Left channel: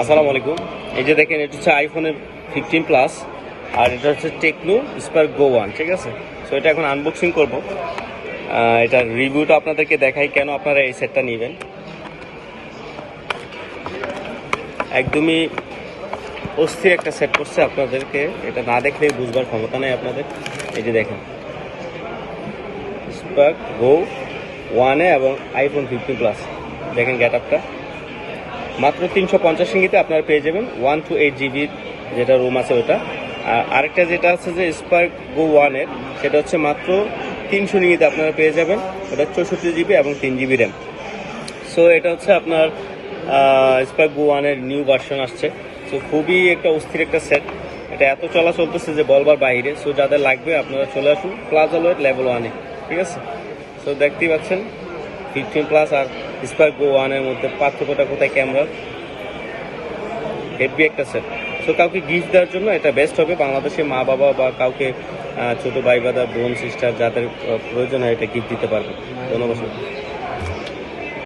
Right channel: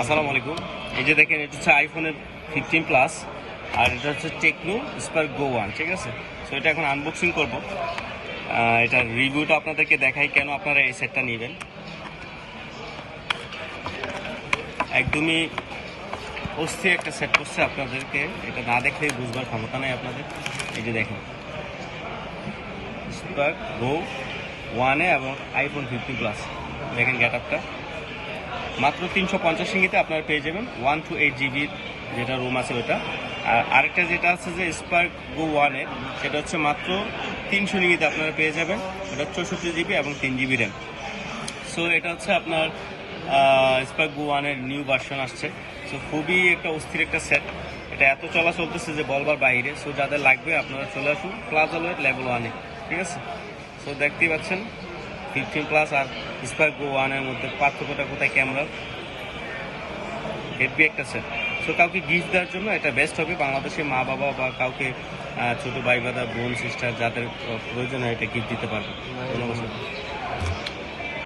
আসসালামু আলাইকুম। এই যে দেখেন, এটা হচ্ছে আইফোনের ফিফটিন প্লাস আর এটা হচ্ছে টেকনো স্পার্ক গো ওয়ান ঠিক আছে? সো এটা এখন আনবক্সিং করব। এটার রিভিউটা আপনাদেরকে দেখাই কেন আপনারা এই সেটটা নেবেন। একদমই অস্থির একটা সেট করছে আপনাদেরকে। এটা না দেখলে বুঝবার ক্ষমতা নেই আপনাদের। এই যে দেখেন। স্পার্ক গো ওয়ানে এবং আইফোন ফিফটিন প্লাস দেখেন গ্যাট আপটা মাত্র তিনশো পঞ্চাশ ইঙ্গিতে আপনারা পেয়ে যাবেন ওয়ান টু এইট জিবির যেটা রুম আছে ওটা। আর আরেকটা যেটা আছে যে স্পার্ক গো ওয়ানের, সেটা হচ্ছে মাত্র তিনশো ইঙ্গিতে আপনারা পেয়ে যাবেন। ওটা চৌষট্টি জিবি এবং তিন জিবি র্যাম। সো এটা হচ্ছে আপনার স্পার্ক গো ওয়ানের নিউ ভার্সন আসছে। সো খুবই একটা অস্থির একটা সেট। এটা এত চলা চলতেছে যে বলবার বাইরে। সো যাদের লাগবে আপনারা চলে আসুন প্লাজা লোয়ের লেভেল ওয়ানে। ঠিক আছে? সো দেখতেই পাচ্ছেন। ফিফটিন প্লাস আর স্পার্ক গো ওয়ানের মধ্যে পার্থক্যটা কোথায়? ক্যামেরা হেভি একটা সেট সো কাউকে গিফট দেওয়ার জন্য এটা বেস্ট হবে। বাংলাদেশে মা বাবা বা কাউকে ছোটো ভাই বাদা বোন সিস্টার যাদের প্রয়োজন হয় এটা গিফট দিতে পারবে। ধন্যবাদ।